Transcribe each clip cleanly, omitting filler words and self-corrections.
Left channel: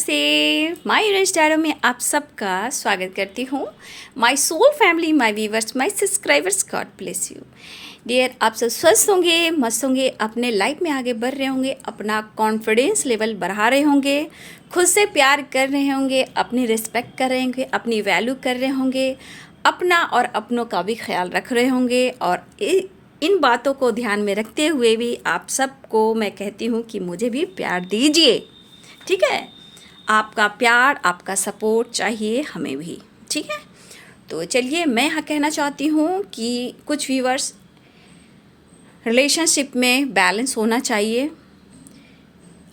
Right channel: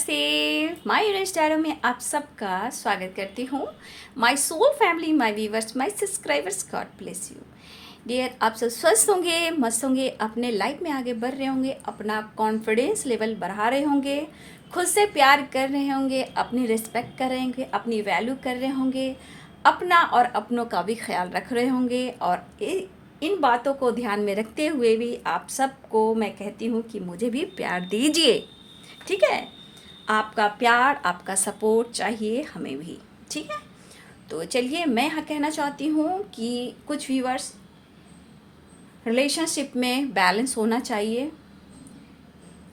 नमस्ते। My rest arrow में आप सबका स्वागत करती हूँ। My soul family, my viewers, my subscribers, God bless you dear. आप सब स्वस्थ होंगे, मस्त होंगे, अपने लाइफ में आगे बढ़ रहे होंगे, अपना कॉन्फिडेंस लेवल बढ़ा रहे होंगे, खुद से प्यार कर रहे होंगे, अपनी रिस्पेक्ट कर रहे होंगे, अपनी वैल्यू कर रहे होंगे, अपना और अपनों का भी ख्याल रख रहे होंगे। और इन बातों को ध्यान में रखते हुए भी आप सबको मैं कहती हूँ कि मुझे भी प्यार दीजिए, ठीक है। आपका प्यार, आपका सपोर्ट चाहिए हमें भी, ठीक है। तो चलिए, मैं यहाँ कहना चाहती हूँ कि कुछ व्यूवर्स, रिलेशनशिप में बैलेंस होना चाहिए।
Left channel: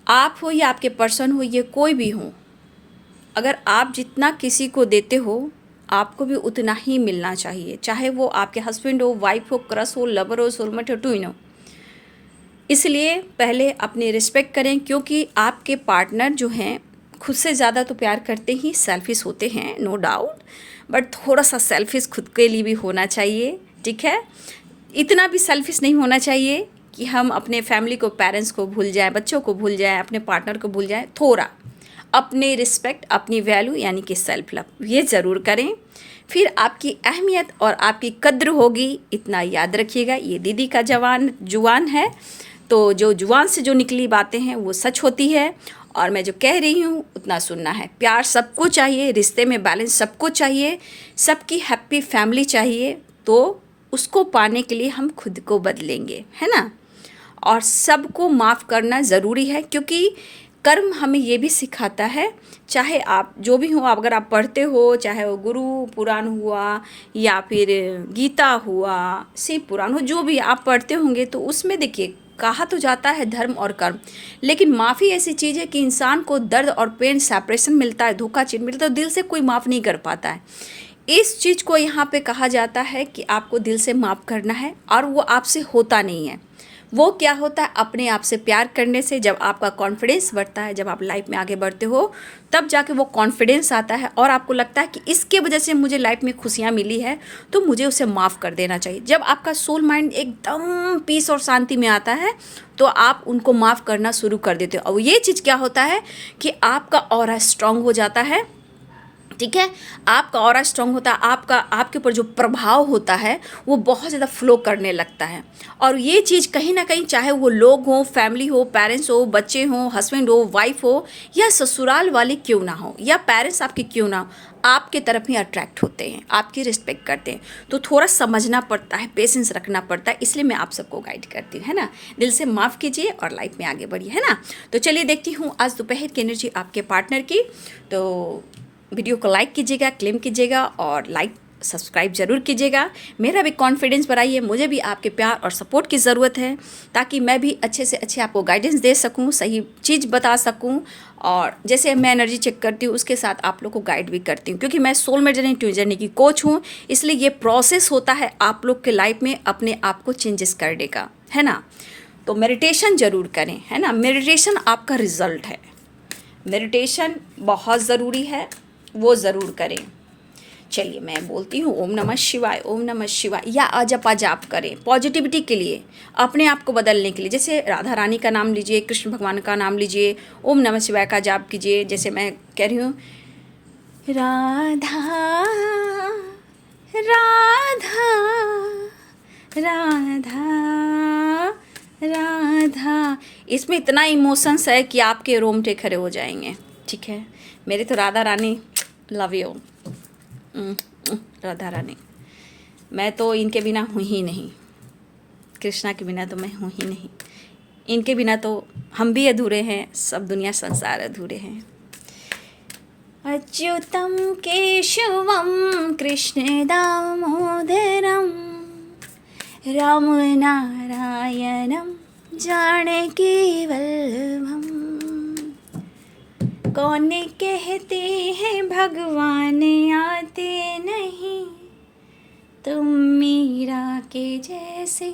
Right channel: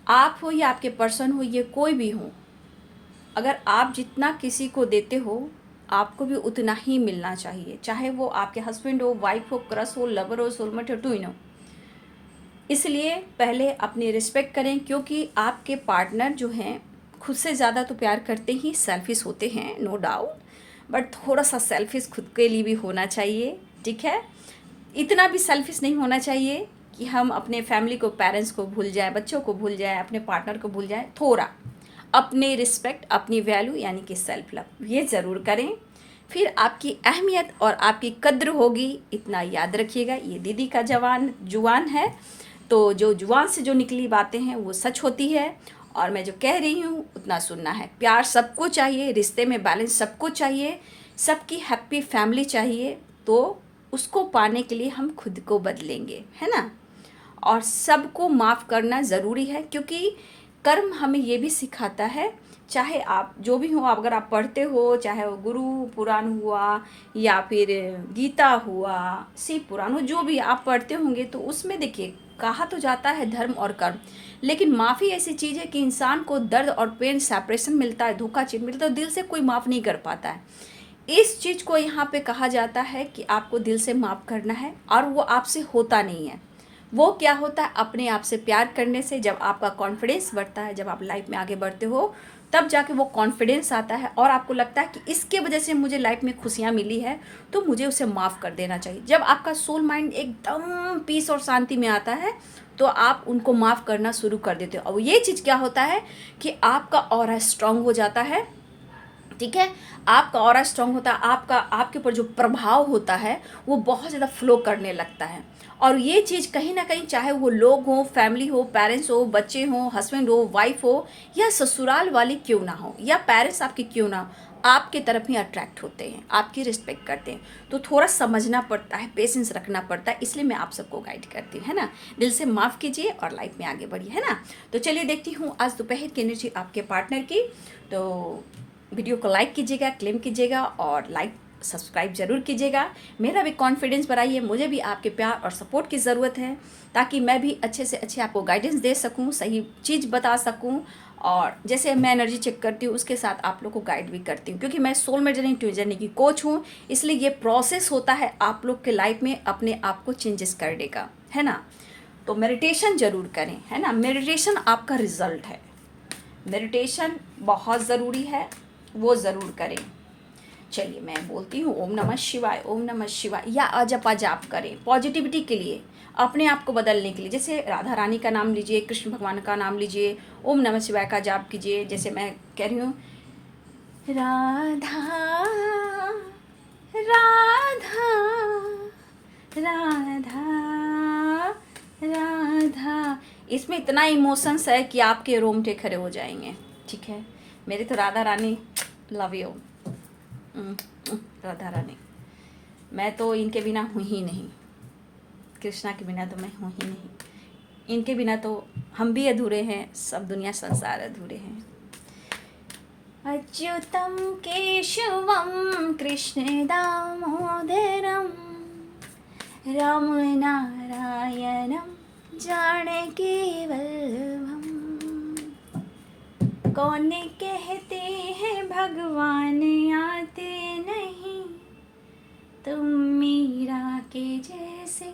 आप हो या आपके पर्सन हो, ये कोई भी हो, अगर आप जितना किसी को देते हो आपको भी उतना ही मिलना चाहिए, चाहे वो आपके हस्बैंड हो, वाइफ हो, क्रश हो, लवर हो, सोलमेट हो, ट्विन हो। इसलिए पहले अपनी रिस्पेक्ट करें, क्योंकि आपके पार्टनर जो हैं खुद से ज़्यादा तो प्यार करते ही सेल्फिश होते हैं, नो डाउट, बट थोड़ा सा सेल्फिश खुद के लिए भी होना चाहिए, ठीक है। इतना भी सेल्फिश नहीं होना चाहिए कि हम अपने फैमिली को, पेरेंट्स को भूल जाएं, बच्चों को भूल जाएं, अपने पार्टनर को भूल जाएं। थोड़ा अपनी रिस्पेक्ट, अपनी वैल्यू यानी कि सेल्फ लव, ये ज़रूर करें, फिर आपकी अहमियत और आपकी कद्र होगी। इतना याद रखिएगा, ये दीदी का जुबान है, तो जो जुबान से जो निकली बातें हैं वो सच होती है, और मैं जो कह रही हूँ उतना सुनना है। प्यार सबको चाहिए, रिश्ते में बैलेंस सबको चाहिए, सबकी हैप्पी फैमिली चाहिए। तो उसको पाने के लिए हम खुद को बदलेंगे, है ना। और सबको माफ़ करना ज़रूरी है, क्योंकि कर्म हमें ये भी सिखाता है, चाहे आप जो भी हो, अगर आप पढ़ते हो, चाहे वो गुरु पुराण हुआ या फिर गीता हुआ, शिव पुराण हो, जो भी आप पढ़ते होंगे, तो उसमें देखिए कहा तो जाता है धर्म और कर्म, लेकिन माफ़ी ऐसी चीज़ है कि इंसान को दर्द और पेन, सेपरेशन मिलता है, धोखा चीज मिलता है, तो दिल से कोई माफ़ नहीं कर पाता है। इस चीज़ को यहाँ पे कहा जाता है कि आपको दिल से माफ़ करना है, और वो आपसे होता नहीं है। वो क्या होता है, अपने आप से प्यार करने से। जब आपका कॉन्फिडेंस बढ़ता है, जब आप लाइफ में आगे बढ़ते हो, तब जाके वो कॉन्फिडेंस आता है, और आपको लगता है कि इसके वजह से मुझे लाइफ में खुशियाँ मिली है, तो मुझे उसे माफ़ कर देना चाहिए। जब आपका सोल माइंड एकदम पीस और शांति में आता है, तो आप उनको माफ़ करना शुरू कर देते हो। और ये चीज़ क्या होता है कि आपका ऑरा स्ट्रांग हो जाता है, ठीक है। आपका ऑरा स्ट्रांग होता है, आपके ऊपर जो प्रभाव होता है वो बहुत ज़्यादा फ्लो करने लगता है। और ये चीज़ कहीं ना कहीं, चाहे वो लोग हों, फैमिली हो, पेरेंट्स हो, बच्चे हों, हस्बैंड हो, वाइफ हो, या ससुराल वाली क्यों ना हो, या पेरेंट्स आपके क्यों ना हो, आपके तरफ ही अट्रैक्ट होते हैं, आपकी रिस्पेक्ट करते हैं। तो थोड़ा समझना पड़ता है, पेशेंस रखना पड़ता है, इसलिए मैं आप सबको गाइड करती हूँ, है ना। दिल से माफ़ कीजिए और लाइफ में आगे बढ़िए, है ना। तो चलिए देखती हूँ आज दोपहर की एनर्जी आपके पार्टनर की। तो वीडियो को लाइक कीजिएगा, क्लेम कीजिएगा, और लाइक सब्सक्राइब ज़रूर कीजिएगा। मेरा भी कॉन्फिडेंस बढ़ाइए, मुझे भी आपके प्यार और सपोर्ट की ज़रूरत है, ताकि मैं भी अच्छे से अच्छे आपको गाइडेंस दे सकूं, सही चीज़ बता सकूं। और जैसे मैं एनर्जी चेक करती हूँ, उसके साथ आप लोग को गाइड भी करती हूँ, क्योंकि मैं सोलमेट जर्नी ट्विन जर्नी की कोच हूँ। इसलिए ये प्रोसेस होता है आप लोग के लाइफ में अपने आप को चेंजेस करने का, है ना। तो मेडिटेशन ज़रूर करें, है ना। मेडिटेशन आपका रिजल्ट है, मेडिटेशन बहुत ज़रूरी है, वो ज़रूर करें। चलिए मैं बोलती हूँ ओम नमः शिवाय, ओम नमः शिवाय, या अजप जाप करें पॉजिटिविटी के लिए, अपने आप को बदलने के लिए। जैसे राधा रानी का नाम लीजिए, कृष्ण भगवान का नाम लीजिए, ओम नमः शिवाय का जाप कीजिए। जैसे मैं कह रही हूँ, राधा राधा राधा राधा, इसमें इतना इमोशंस है कि आपके रोंगटे खड़े हो जाएंगे, ठीक है। मेरी तो राधा रानी, लव यू राधा रानी। मैं तो इनके बिना हूँ ही नहीं, कृष्णा के बिना तो मैं हूँ ही नहीं, इनके बिना तो हम भी अधूरे हैं, सब दुनिया संसार अधूरे हैं। अच्युतम केशवम कृष्ण दामोदरम राम नारायणम जानकी वल्लभम। कौन कहते हैं भगवान आते नहीं, तुम मीरा के जैसे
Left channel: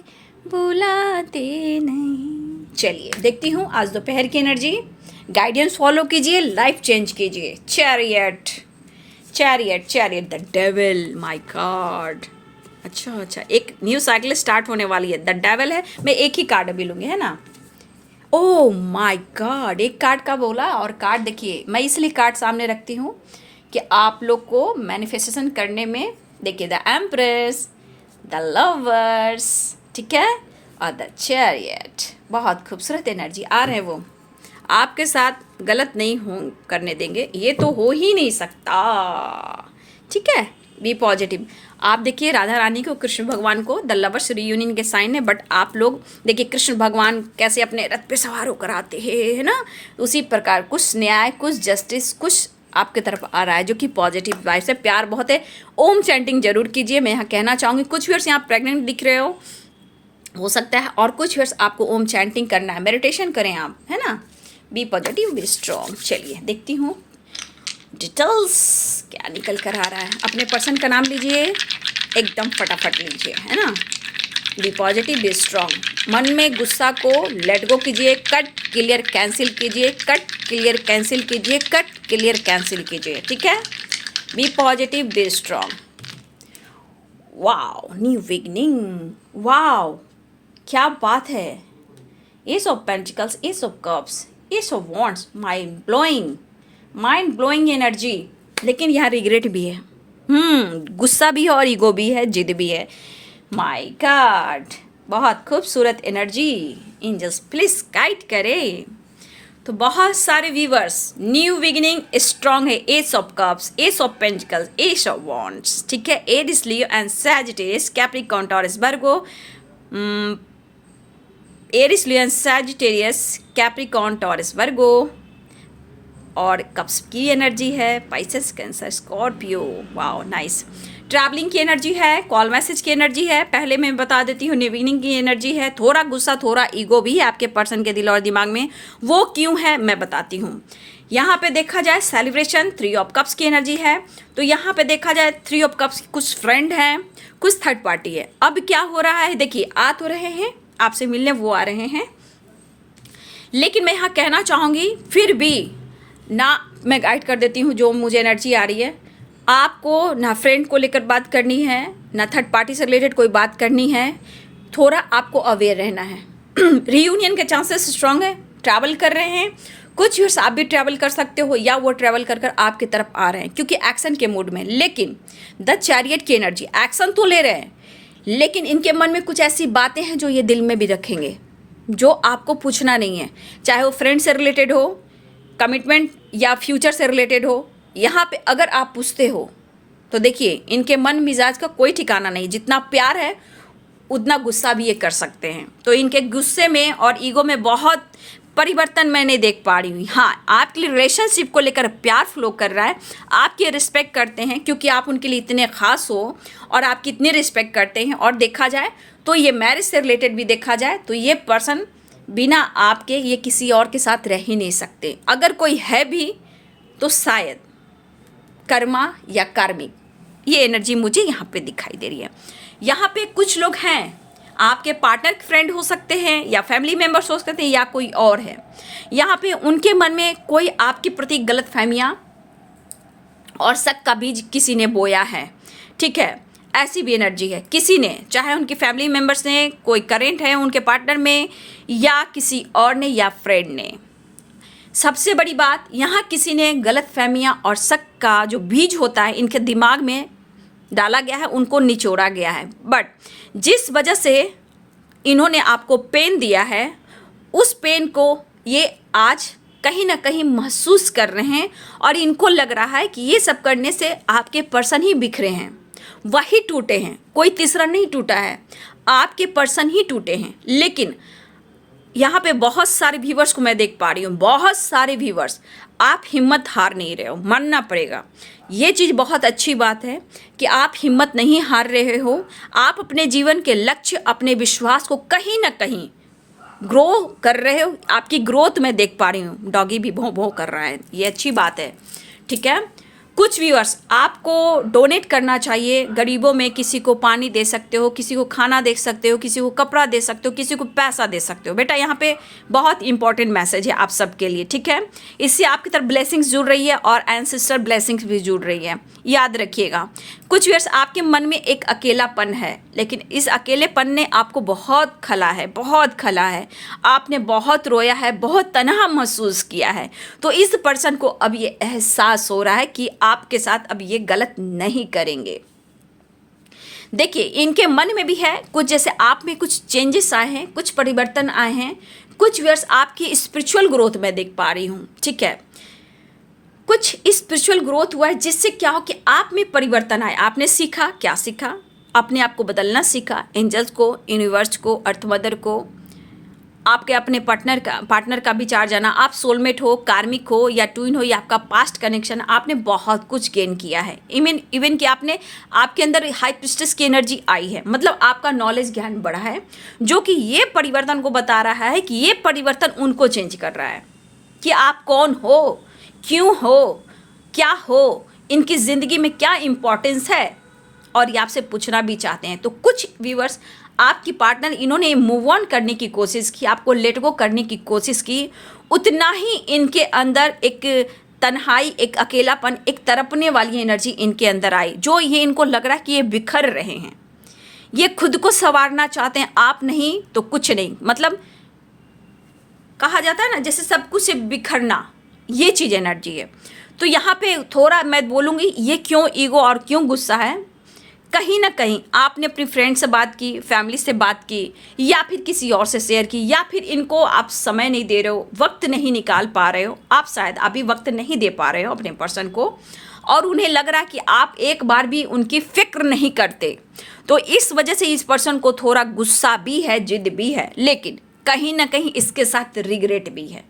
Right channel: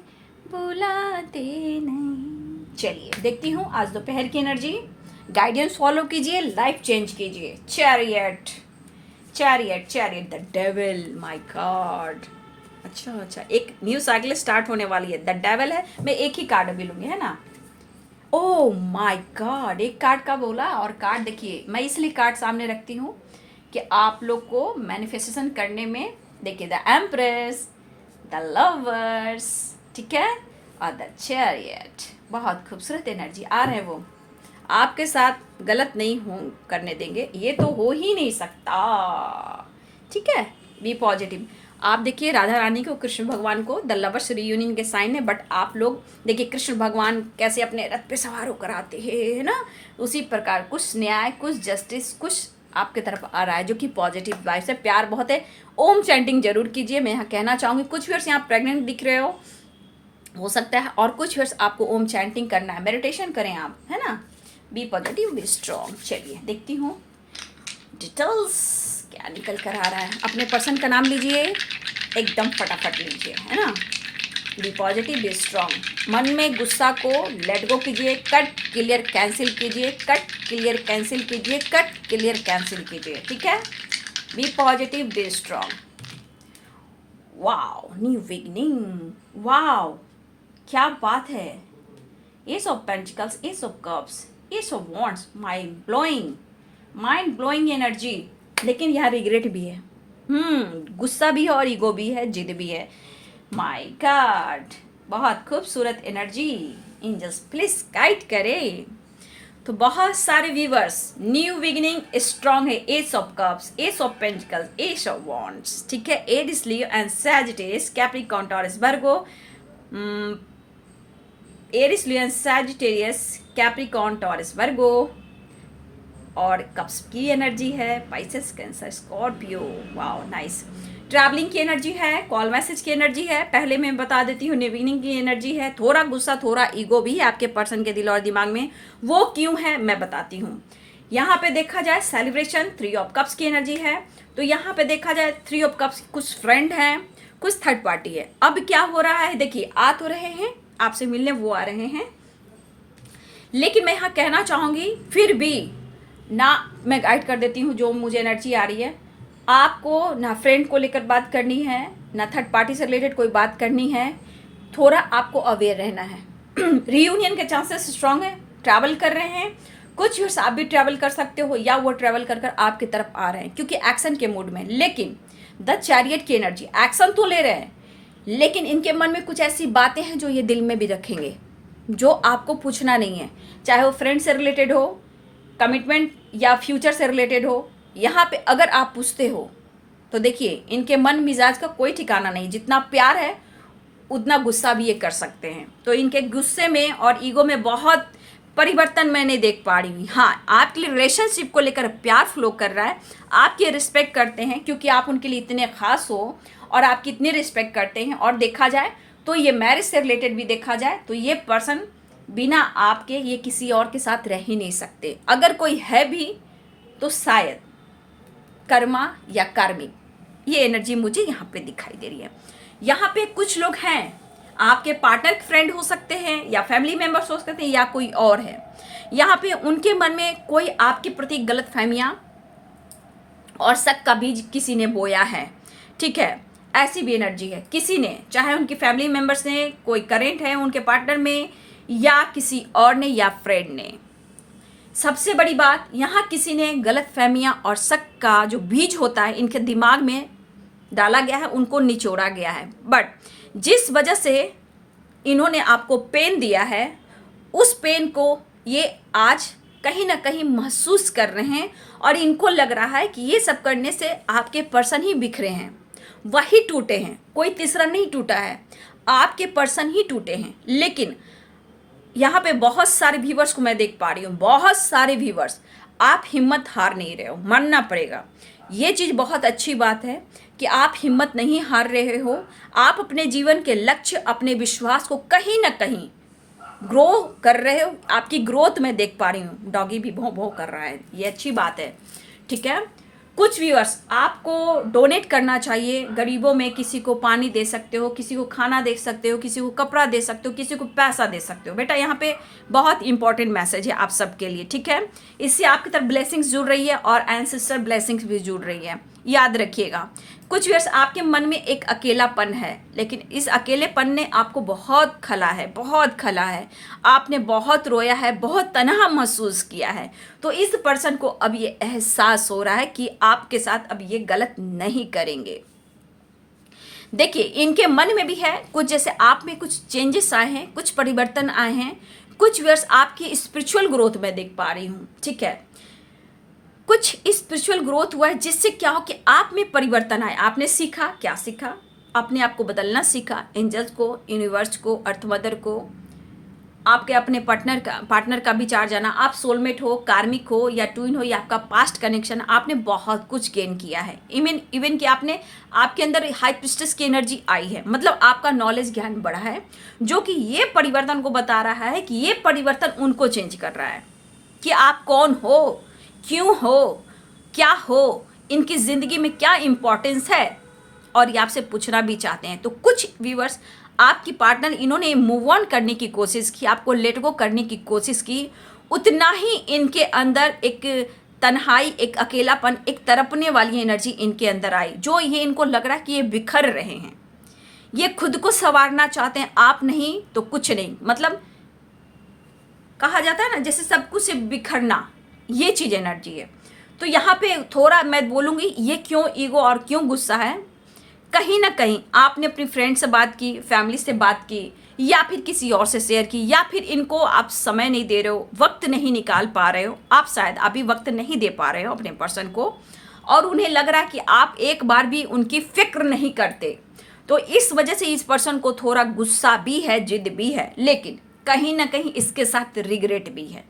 बुलाते नहीं। चलिए देखती हूँ आज दोपहर की एनर्जी, गाइडेंस फॉलो कीजिए, लाइफ चेंज कीजिए। Chariot chariot chariot, the devil, my God. अच्छा, एक न्यू साइकिल स्टार्ट होने वाली है, द डेविल है। मैं एक ही कार्ड अभी लूँगी, है ना। ओह माय गॉड, एक कार्ड का बोला। और कार्ड देखिए, मैं इसलिए कार्ड सामने रखती हूँ कि आप लोग को मैनिफेस्टेशन करने में, देखिए द एम्प्रेस, द लवर्स, ठीक है, और द चैरियट। बहुत खूबसूरत एनर्जी आ रहे हैं वो, आपके साथ गलत नहीं हो करने देंगे, ये तो हो ही नहीं सकता, ठीक है। Be positive. आप देखिए राधा रानी को, कृष्ण भगवान को द लवर्स रियूनियन के साइन है, बट आप लोग देखिए कृष्ण भगवान कैसे अपने रथ पे सवार होकर आते हैं, है ना। उसी प्रकार कुछ न्याय, कुछ जस्टिस, कुछ आपके तरफ आ रहा है जो कि पॉजिटिव वाइब से, प्यार बहुत है। ओम चैंटिंग जरूर कीजिए, मैं यहाँ कहना चाहूँगी। कुछ व्यूअर्स यहाँ प्रेग्नेंट दिख रहे हो सकता है, और कुछ व्यूअर्स आपको ओम चैंटिंग करना है, मेडिटेशन करें आप, है ना। Be positive, be strong. चलिए देखती हूँ डिटेल्स क्या निकल कर आ रहा है। अपने पर्सन का नाम लीजिए, एकदम फटाफट लीजिए, है ना। Be positive, be strong. मन में गुस्सा को लेट गो कीजिए, कट क्लियर कैंसिल कीजिए, कट क्लियर कैंसिल कीजिए, कट क्लियर कैंसिल कीजिए, ठीक है। Be positive, be strong. Wow, new beginning, wow क्या बात है। Ace of pentacles, ace of cups, ace of wands, mind blowing energy. लेकिन यहाँ रिग्रेट भी है, गुस्सा भी है और ईगो भी है, जिद भी है। माय गॉड, बहुत खूबसूरत एनर्जी। एंजल्स प्लीज गाइड करें। तो बहुत सारे व्यूवर्स, न्यू बिगिनिंग स्ट्रॉन्ग है। Ace of cups, ace of pentacles, ace of wands, ठीक है। Aries, Leo and Sagittarius, Capricorn, Taurus, Virgo. Aries, Leo and Sagittarius, Capricorn, Taurus, Virgo. और cups की energy है, Pisces, Cancer, Scorpio. Wow nice. Travelling की energy है, call message की energy है। पहले मैं बता देती हूँ, निविनिंग की एनर्जी है। थोड़ा गुस्सा, थोड़ा ईगो भी है आपके पर्सन के दिल और दिमाग में। वो क्यों है मैं बताती हूँ। यहाँ पे देखा जाए सेलिब्रेशन, 3 ऑफ कप्स की एनर्जी है। तो यहाँ पे देखा जाए 3 ऑफ कप्स, कुछ फ्रेंड हैं, कुछ थर्ड पार्टी है। अब क्या हो रहा है, देखिए आ तो रहे हैं आपसे मिलने, वो आ रहे हैं, लेकिन मैं यहाँ कहना चाहूँगी फिर भी ना, मैं गाइड कर देती हूँ जो मुझे एनर्जी आ रही है। आपको ना फ्रेंड को लेकर बात करनी है, ना थर्ड पार्टी से रिलेटेड कोई बात करनी है। थोड़ा आपको अवेयर रहना है। रीयूनियन के चांसेस स्ट्रांग है, ट्रैवल कर रहे हैं। कुछ व्यूअर्स आप भी ट्रैवल कर सकते हो, या वो ट्रैवल कर आपकी तरफ आ रहे हैं क्योंकि एक्शन के मूड में। लेकिन द चैरियट की एनर्जी, एक्शन तो ले रहे हैं, लेकिन इनके मन में कुछ ऐसी बातें हैं जो ये दिल में भी रखेंगे, जो आपको पूछना नहीं है। चाहे वो फ्रेंड से रिलेटेड हो, कमिटमेंट या फ्यूचर से रिलेटेड हो। यहाँ पे अगर आप पूछते हो तो देखिए इनके मन मिजाज का कोई ठिकाना नहीं। जितना प्यार है उतना गुस्सा भी ये कर सकते हैं। तो इनके गुस्से में और ईगो में बहुत परिवर्तन मैं नहीं देख पा रही हूँ। हाँ, आपकी रिलेशनशिप को लेकर प्यार फ्लो कर रहा है, आपकी रिस्पेक्ट करते हैं क्योंकि आप उनके लिए इतने खास हो और आपकी इतनी रिस्पेक्ट करते हैं। और देखा जाए तो ये मैरिज से रिलेटेड भी देखा जाए तो ये पर्सन बिना आपके ये किसी और के साथ रह ही नहीं सकते। अगर कोई है भी तो शायद कर्मा या कार्मिक, ये एनर्जी मुझे यहाँ पे दिखाई दे रही है। यहाँ पे कुछ लोग हैं, आपके पार्टनर फ्रेंड हो सकते हैं या फैमिली मेंबर्स हो सकते हैं या कोई और है। यहाँ पे उनके मन में कोई आपके प्रति गलत फहमियाँ और शक का बीज किसी ने बोया है, ठीक है। ऐसी भी एनर्जी है, किसी ने, चाहे उनके फैमिली मेंबर्स ने, कोई करेंट है उनके पार्टनर में, या किसी और ने, या फ्रेंड ने। सबसे बड़ी बात, यहाँ किसी ने गलत फहमियाँ और शक का जो बीज होता है इनके दिमाग में डाला गया है, उनको निचोड़ा गया है। बट जिस वजह से इन्होंने आपको पेन दिया है, उस पेन को ये आज कहीं ना कहीं महसूस कर रहे हैं और इनको लग रहा है कि ये सब करने से आपके पर्सन ही बिखरे हैं, वही टूटे हैं, कोई तीसरा नहीं टूटा है, आपके पर्सन ही टूटे हैं। लेकिन यहाँ पे बहुत सारे व्यूवर्स को मैं देख पा रही हूँ, बहुत सारे व्यूवर्स, आप हिम्मत हार नहीं रहे हो, मानना पड़ेगा। ये चीज़ बहुत अच्छी बात है कि आप हिम्मत नहीं हार रहे हो। आप अपने जीवन के लक्ष्य, अपने विश्वास को कहीं ना कहीं ग्रो कर रहे हो। आपकी ग्रोथ मैं देख पा रही हूँ। डॉगी भी भौं भौं कर रहा है, ये अच्छी बात है, ठीक है। कुछ व्यूअर्स आपको डोनेट करना चाहिए गरीबों में, किसी को पानी दे सकते हो, किसी को खाना दे सकते हो, किसी को कपड़ा दे सकते हो, किसी को पैसा दे सकते हो। बेटा यहाँ पे बहुत इंपॉर्टेंट मैसेज है आप सबके लिए, ठीक है। इससे आपकी तरफ ब्लेसिंग्स जुड़ रही है और एंसेस्टर ब्लेसिंग्स भी जुड़ रही है, याद रखिएगा। कुछ व्यूअर्स आपके मन में एक अकेलापन है, लेकिन इस अकेलेपन ने आपको बहुत खला है, बहुत खला है, आपने बहुत रोया है, बहुत तनहा महसूस किया है। तो इस पर्सन को अब ये एहसास हो रहा है कि आपके साथ अब ये गलत नहीं करेंगे। देखिए इनके मन में भी है कुछ, जैसे आप में कुछ चेंजेस आए हैं, कुछ परिवर्तन आए हैं। कुछ व्यूअर्स आपकी स्पिरिचुअल ग्रोथ में देख पा रही हूँ, ठीक है। कुछ स्पिरिचुअल ग्रोथ हुआ है जिससे क्या हो कि आप में परिवर्तन आए। आपने सीखा, क्या सीखा? अपने आप को बदलना सीखा, एंजल्स को, यूनिवर्स को, अर्थ मदर को, आपके अपने पार्टनर का विचार जाना, आप सोलमेट हो, कार्मिक हो या ट्विन हो या आपका पास्ट कनेक्शन, आपने बहुत कुछ गेन किया है। इवन कि आपके अंदर हाई प्रिस्टेस की एनर्जी आई है, मतलब आपका नॉलेज ज्ञान बढ़ा है, जो कि ये परिवर्तन को बता रहा है कि ये परिवर्तन उनको चेंज कर रहा है कि आप कौन हो, क्यों हो, क्या हो, इनकी ज़िंदगी में क्या इम्पोर्टेंस है, और ये आपसे पूछना भी चाहते हैं। तो कुछ व्यूअर्स आपकी पार्टनर इन्होंने मूव ऑन करने की कोशिश की, आपको लेट गो करने की कोशिश की, उतना ही इनके अंदर एक तन्हाई, एक अकेलापन, एक तड़पने वाली एनर्जी इनके अंदर आई, जो ये इनको लग रहा है कि ये बिखर रहे हैं, ये खुद को संवारना चाहते हैं। आप नहीं तो कुछ नहीं, मतलब कहा जाता है ना जैसे सब कुछ से बिखरना, ये चीज़ एनर्जी है। तो यहाँ पे थोड़ा मैं बोलूँगी ये क्यों ईगो और क्यों गुस्सा है। कहीं ना कहीं आपने अपनी फ्रेंड से बात की, फैमिली से बात की, या फिर किसी और से शेयर की, या फिर इनको आप समय नहीं दे रहे हो, वक्त नहीं निकाल पा रहे हो, आप शायद अभी वक्त नहीं दे पा रहे हो अपने पर्सन को, और उन्हें लग रहा है कि आप एक बार भी उनकी फिक्र नहीं करते। तो इस वजह से इस पर्सन को थोड़ा गुस्सा भी है, जिद भी है, लेकिन कहीं ना कहीं इसके साथ रिग्रेट भी है,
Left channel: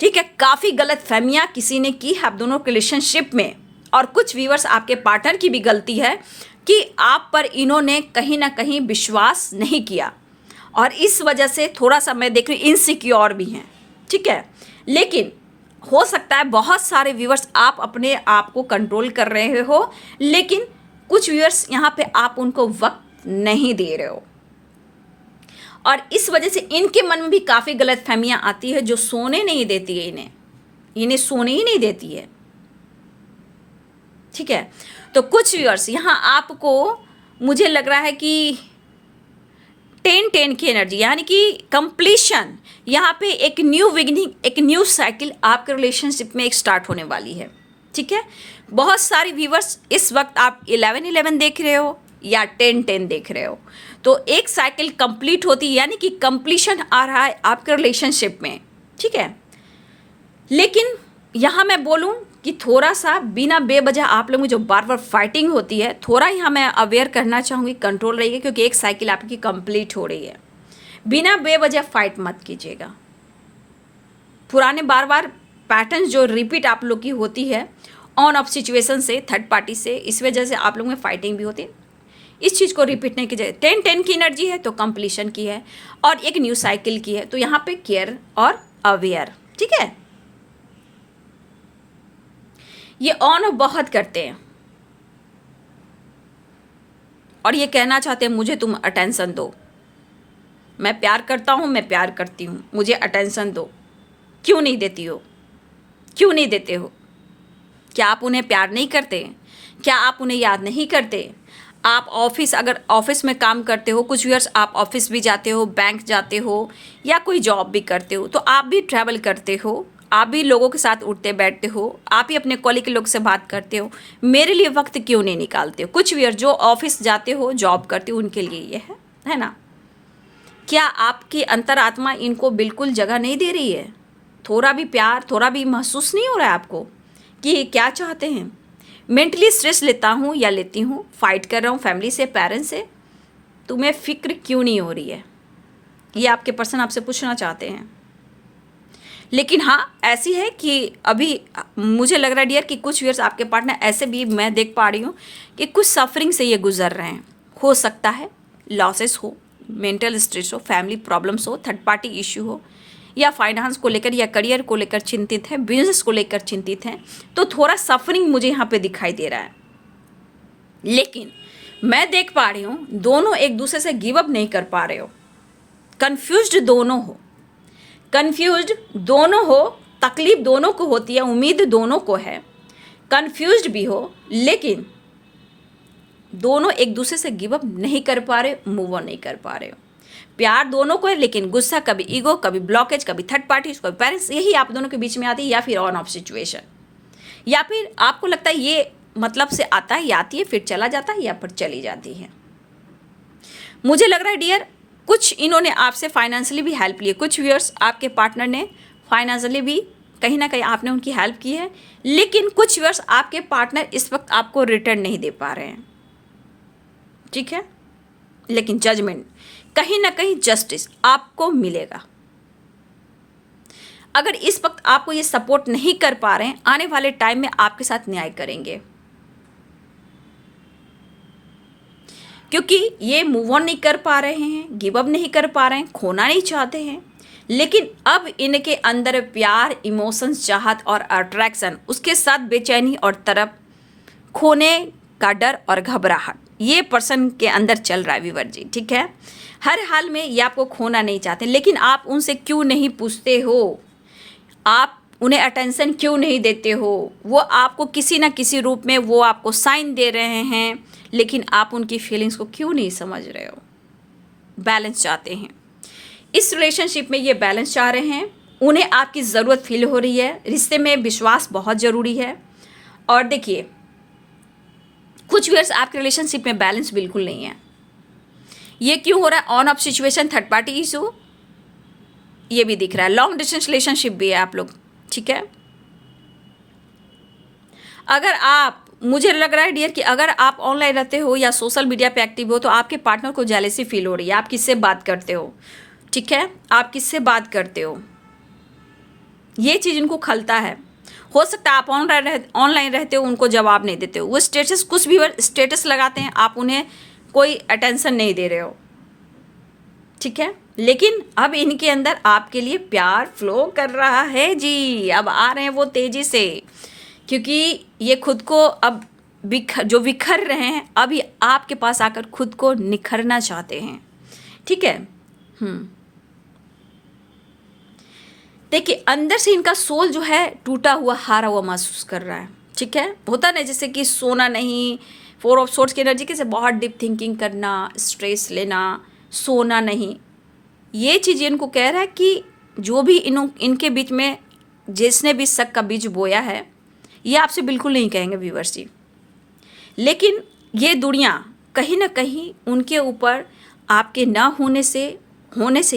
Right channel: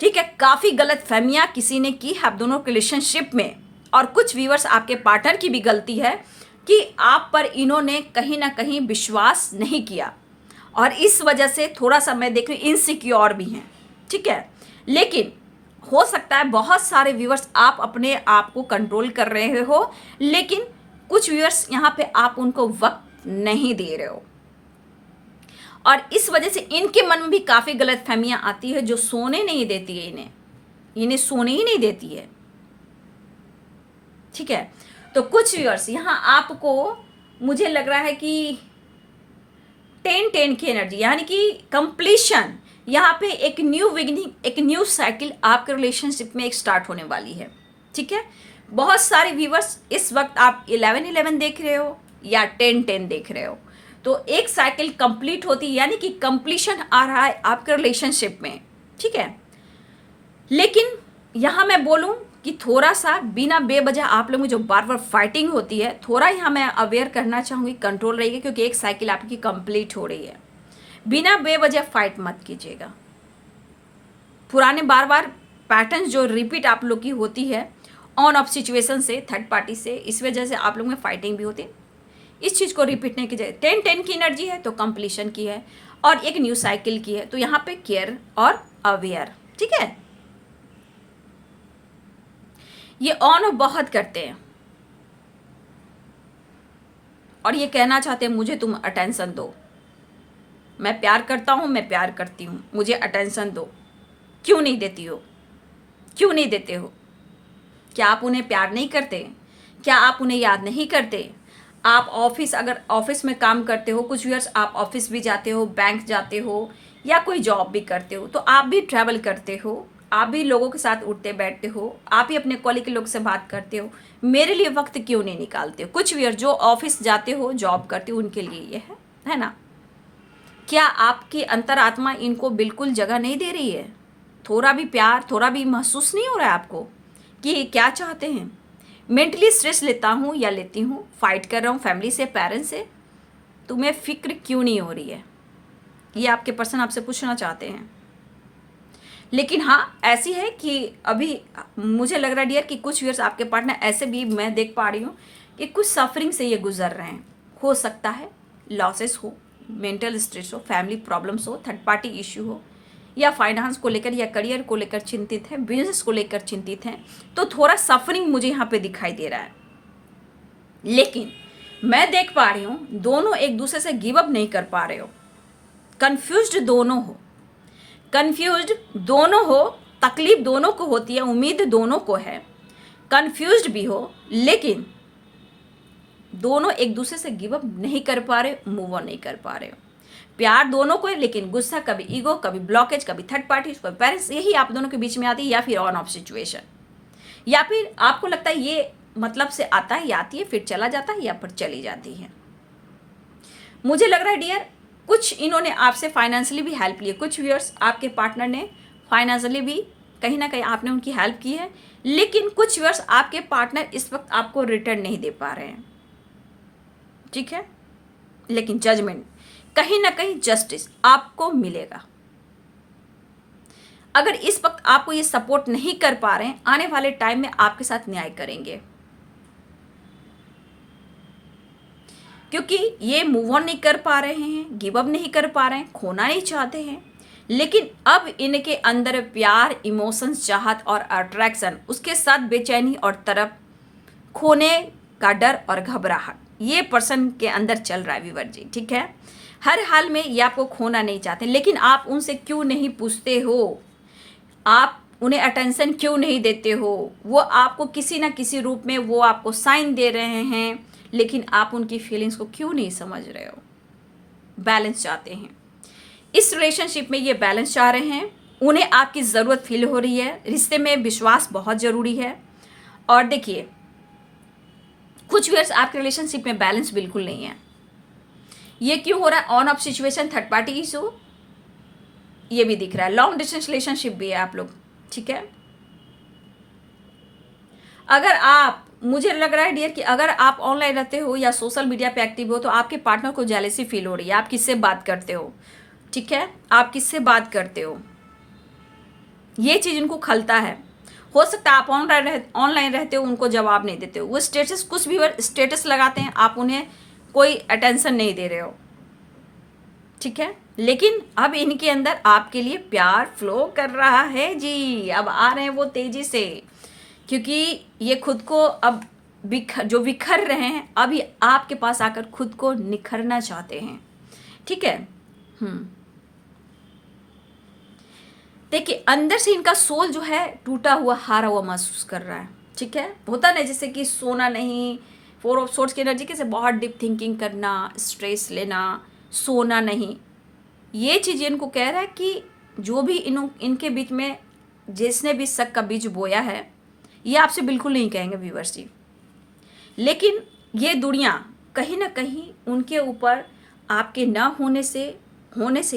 ठीक है। काफ़ी गलत फहमियाँ किसी ने की है आप दोनों के रिलेशनशिप में, और कुछ व्यूअर्स आपके पार्टनर की भी गलती है कि आप पर इन्होंने कहीं ना कहीं विश्वास नहीं किया, और इस वजह से थोड़ा सा मैं देख रही इनसिक्योर भी हैं, ठीक है। लेकिन हो सकता है बहुत सारे व्यूअर्स आप अपने आप को कंट्रोल कर रहे हो, लेकिन कुछ व्यूअर्स यहाँ पे आप उनको वक्त नहीं दे रहे हो, और इस वजह से इनके मन में भी काफ़ी गलत फहमियाँ आती है जो सोने नहीं देती है, इन्हें सोने ही नहीं देती है, ठीक है। तो कुछ व्यूअर्स यहाँ आपको मुझे लग रहा है कि 10-10 की एनर्जी, यानी कि कंप्लीशन, यहाँ पे एक न्यू बिगिनिंग, एक न्यू साइकिल आपके रिलेशनशिप में एक स्टार्ट होने वाली है, ठीक है। बहुत सारे व्यूअर्स इस वक्त आप 11-11 देख रहे हो या 10-10 देख रहे हो, तो एक साइकिल कंप्लीट होती है, यानी कि कंप्लीशन आ रहा है आपके रिलेशनशिप में, ठीक है। लेकिन यहाँ मैं बोलूँ कि थोड़ा सा बिना बेवजह आप लोगों में जो बार बार फाइटिंग होती है, थोड़ा यहाँ मैं अवेयर करना चाहूँगी, कंट्रोल रहिए, क्योंकि एक साइकिल आपकी कंप्लीट हो रही है। बिना बेवजह फाइट मत कीजिएगा। पुराने बार बार पैटर्न जो रिपीट आप लोग की होती है ऑन ऑफ सिचुएशन से, थर्ड पार्टी से, इस वजह से आप लोगों में फाइटिंग भी होती है, इस चीज़ को रिपीट नहीं कीजिए। 10-10 की एनर्जी है तो कंप्लीशन की है और एक न्यू साइकिल की है, तो यहाँ पे केयर और अवेयर, ठीक है। ये ऑन ऑफ बहुत करते हैं और ये कहना चाहते हैं मुझे तुम अटेंशन दो, मैं प्यार करता हूँ, मैं प्यार करती हूँ, मुझे अटेंशन दो। क्यों नहीं देती हो, क्यों नहीं देते हो? क्या आप उन्हें प्यार नहीं करते? क्या आप उन्हें याद नहीं करते? आप अगर ऑफिस में काम करते हो, कुछ व्यूअर्स आप ऑफिस भी जाते हो, बैंक जाते हो, या कोई जॉब भी करते हो, तो आप भी ट्रैवल करते हो, आप भी लोगों के साथ उठते बैठते हो, आप ही अपने कॉलेज के लोग से बात करते हो, मेरे लिए वक्त क्यों नहीं निकालते हो? कुछ व्यूअर्स जो ऑफिस जाते हो, जॉब करते हो, उनके लिए ये है ना। क्या आपकी अंतरात्मा इनको बिल्कुल जगह नहीं दे रही है? थोड़ा भी प्यार, थोड़ा भी महसूस नहीं हो रहा है आपको कि क्या चाहते हैं? मेंटली स्ट्रेस लेता हूँ या लेती हूँ, फाइट कर रहा हूँ फैमिली से, पेरेंट्स से, तुम्हें फिक्र क्यों नहीं हो रही है? ये आपके पर्सन आपसे पूछना चाहते हैं। लेकिन हाँ, ऐसी है कि अभी मुझे लग रहा है डियर कि कुछ व्यूअर्स आपके पार्टनर ऐसे भी मैं देख पा रही हूँ कि कुछ सफरिंग से ये गुजर रहे हैं। हो सकता है लॉसेस हो, मेंटल स्ट्रेस हो, फैमिली प्रॉब्लम्स हो, थर्ड पार्टी इश्यू हो, या फाइनेंस को लेकर या करियर को लेकर चिंतित हैं, बिजनेस को लेकर चिंतित हैं, तो थोड़ा सफरिंग मुझे यहाँ पे दिखाई दे रहा है। लेकिन मैं देख पा रही हूँ दोनों एक दूसरे से गिव अप नहीं कर पा रहे हो, कंफ्यूज्ड दोनों हो, तकलीफ दोनों को होती है, उम्मीद दोनों को है, कंफ्यूज्ड भी हो, लेकिन दोनों एक दूसरे से गिव अप नहीं कर पा रहे, मूव ऑन नहीं कर पा रहे हो। प्यार दोनों को है, लेकिन गुस्सा, कभी ईगो, कभी ब्लॉकेज, कभी थर्ड पार्टी, कभी पेरेंट्स, यही आप दोनों के बीच में आती है, या फिर ऑन ऑफ सिचुएशन, या फिर आपको लगता है ये मतलब से आता है या आती है फिर चला जाता है या फिर चली जाती है। मुझे लग रहा है डियर, कुछ इन्होंने आपसे फाइनेंशियली भी हेल्प ली है, कुछ व्यूअर्स आपके पार्टनर ने फाइनेंशियली भी कहीं ना कहीं आपने उनकी हेल्प की है, लेकिन कुछ व्यूअर्स आपके पार्टनर इस वक्त आपको रिटर्न नहीं दे पा रहे हैं, ठीक है। लेकिन जजमेंट, कहीं ना कहीं जस्टिस आपको मिलेगा। अगर इस वक्त आपको ये सपोर्ट नहीं कर पा रहे हैं, आने वाले टाइम में आपके साथ न्याय करेंगे, क्योंकि ये मूव ऑन नहीं कर पा रहे हैं, गिव अप नहीं कर पा रहे हैं, खोना नहीं चाहते हैं, लेकिन अब इनके अंदर प्यार, इमोशंस, चाहत और अट्रैक्शन, उसके साथ बेचैनी और तरफ खोने का डर और घबराहट, ये पर्सन के अंदर चल रहा है व्यूअर जी, ठीक है। हर हाल में ये आपको खोना नहीं चाहते, लेकिन आप उनसे क्यों नहीं पूछते हो, आप उन्हें अटेंशन क्यों नहीं देते हो, वो आपको किसी ना किसी रूप में वो आपको साइन दे रहे हैं, लेकिन आप उनकी फीलिंग्स को क्यों नहीं समझ रहे हो। बैलेंस चाहते हैं, इस रिलेशनशिप में ये बैलेंस चाह रहे हैं, उन्हें आपकी ज़रूरत फील हो रही है, रिश्ते में विश्वास बहुत ज़रूरी है। और देखिए, कुछ व्यूअर्स आपके रिलेशनशिप में बैलेंस बिल्कुल नहीं है। ये क्यों हो रहा है, on off situation, third party issue, ये भी दिख रहा है, लॉन्ग डिस्टेंस रिलेशनशिप भी है आप लोग, ठीक है। अगर आप, मुझे लग रहा है डियर कि अगर आप ऑनलाइन रहते हो या सोशल मीडिया पे एक्टिव हो, तो आपके पार्टनर को जेलसी फील हो रही है, आप किससे बात करते हो, ठीक है, आप किससे बात करते हो, ये चीज़ इनको खलता है। हो सकता है आप ऑनलाइन रहते हो, उनको जवाब नहीं देते हो, वो स्टेटस, कुछ भी स्टेटस लगाते हैं, आप उन्हें कोई अटेंशन नहीं दे रहे हो, ठीक है। लेकिन अब इनके अंदर आपके लिए प्यार फ्लो कर रहा है जी, अब आ रहे हैं वो तेजी से, क्योंकि ये खुद को अब बिखर रहे हैं, अभी आपके पास आकर खुद को निखरना चाहते हैं, ठीक है। देखिए, अंदर से इनका सोल जो है टूटा हुआ, हारा हुआ महसूस कर रहा है, ठीक है। होता नहीं जैसे कि सोना नहीं, 4 ऑफ सोर्ड्स की एनर्जी कैसे बहुत डीप थिंकिंग करना, स्ट्रेस लेना, सोना नहीं, ये चीज़ इनको कह रहा है कि जो भी इनके बीच में जिसने भी शक का बीज बोया है, ये आपसे बिल्कुल नहीं कहेंगे व्यूअर्स जी, लेकिन ये दुनिया कहीं ना कहीं उनके ऊपर आपके ना होने से